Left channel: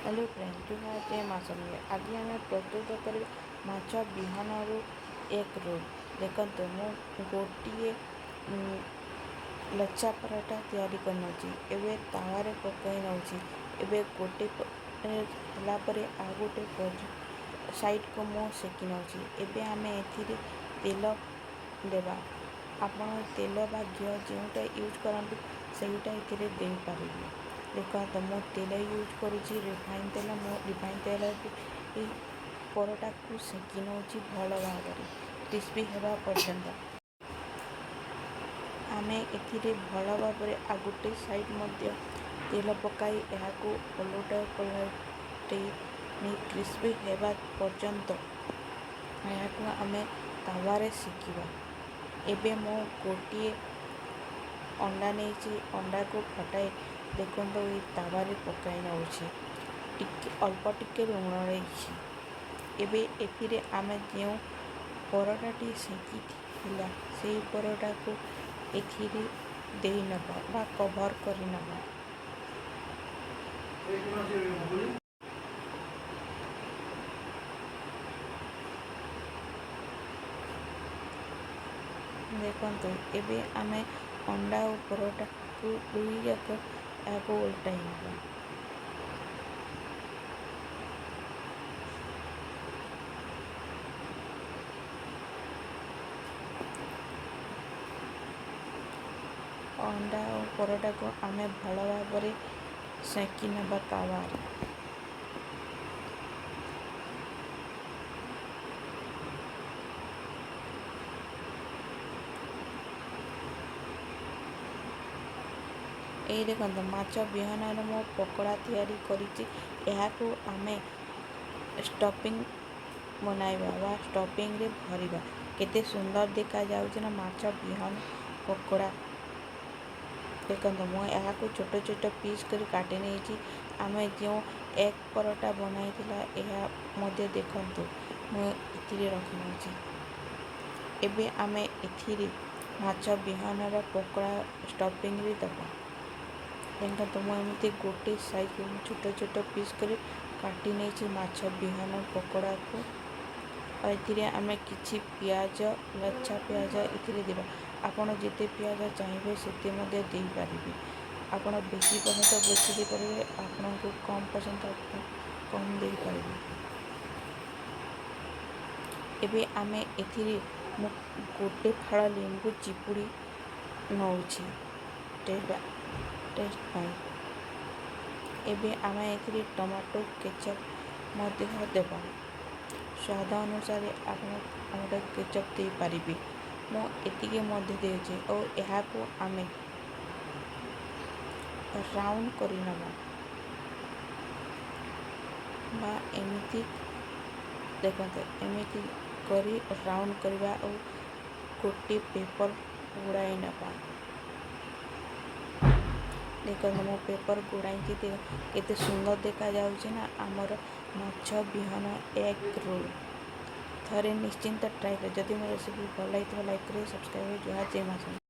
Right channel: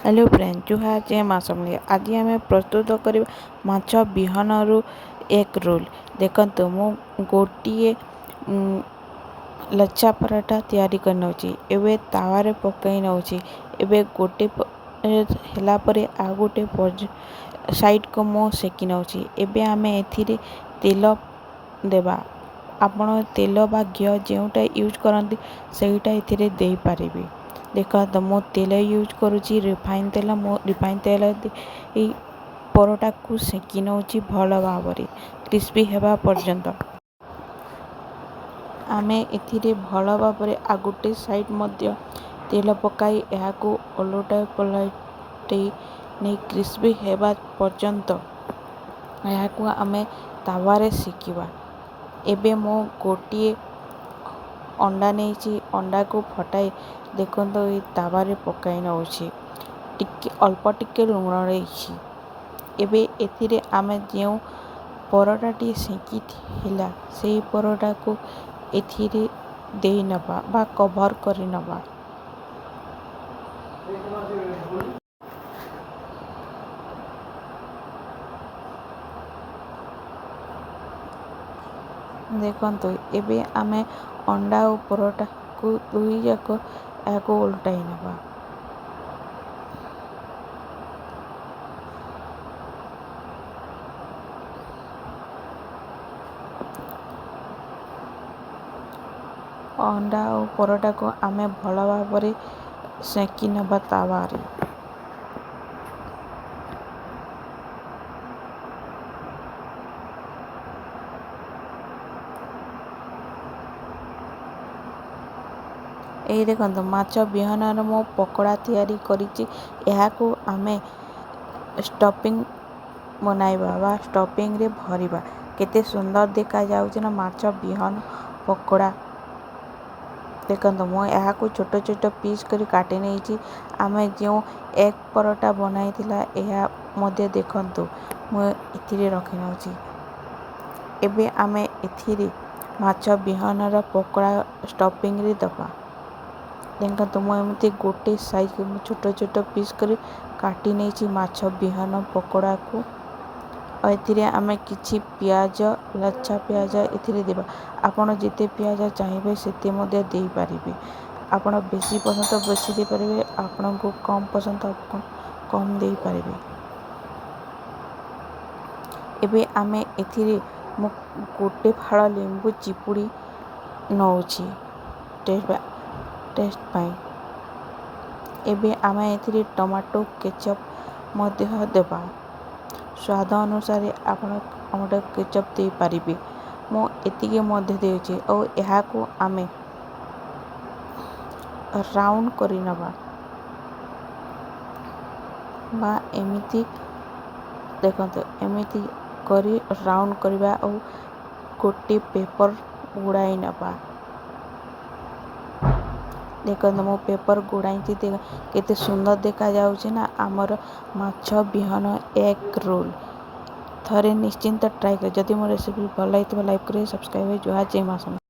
Hello friend जुहार जय माँ समले आज आम प्रस्तुत कर माछ विहन एक रोल देखु मु गोटे लच्छा पराठा तैयारी कर नौची एबे तावारे पकई नौची एबे गोटे ହେଲା ପରେ ଆଉ ଗୋଟେ साइड को मु सेकी नौची एबे आमे एथिरे तेल देबा आपण तेल बा घिओ जोटा यूज करती सेटा एथिरे दे पारिबे। देखा तो मो तेल यूज करुँची रिफाइन तेल मो रिफाइन तेल परोटा को सेकी नौची भल भाव क्रिस्पी हेबा पर्यंत आमे एथिरे भल भाव आ गोटे साइड मध्य तेल पकाई को ओलटा पलटै नहीं क्रिस्पी हेबा पर्यंत को आमे तावारे सेकिबा। एबे मो गोटे अंडा नहीं अंडा को फटाई देखो तो ये तावारे पकाई नौची टिके अल्प टिके लुण रही एबे एथिरे आमे जो परोटाटी सेकी थिला से परोटा को एथिरे दे नबा बा कवर करी नबा। देखंतु एबे आमे अंडा और परोटा को दुई जाक को उल्टाई नबा। अंडा और परोटा को आमे भल भाव सेकी नबा तावारे। यही देखो माछ विहन मो पकोड़ा तैयारी करिछि को आमे स्टफिंग बनाइबा बा स्टफिंग रे भरिबा केते सुंदर देखा जाउछि ना माछ विहन पकोड़ा। देखो मो को छोट छोट पीस करी काटी नहीं आमे जो एक परोटा बनाई थिला मध्य देखंतु मो एथिरे रखि नौछि एबे आमे एथिरे माछ विहन पकोड़ा स्टफिंग रे दबा। देखा तो मुझे गोटे साइज को छोट छोट पीस कर काटी नहीं माछ विहन पकोड़ा को एथिरे आमे किछि पियाज लच्छा पियाज एथिरे देबा आपण जिते पियाज चाहिए सेते मध्य दे पारिबे। आपण बेसी पसंद बेसी दे पारिबे आपण को कम पसंद कम दे पारिबे। एबे आमे एथिरे मु गोटे फाड़ लेंबू चिपुड़ी नौछि टेस्ट पाई। एबे आमे एथिरे टमाटो केचप मध्य देबा स्वाद अनुसार आपण केचप दे पारिबे। मो एतिके मध्य देउछि और यहा को आमे राउंड करी नबा बा एमिति देखंतु एमिति करी राउंड करबा और गोटे पेपर गुड़ाई नबा। देखो मो पेपर गुड़ाई केते सुंदर देखा जाउछि ना आमर माछ विहन एक रोल थरे निश्चिंत ट्राई कर। जदि मो रेसिपी भल लाइक करे सब्सक्राइब जुहार जय माँ।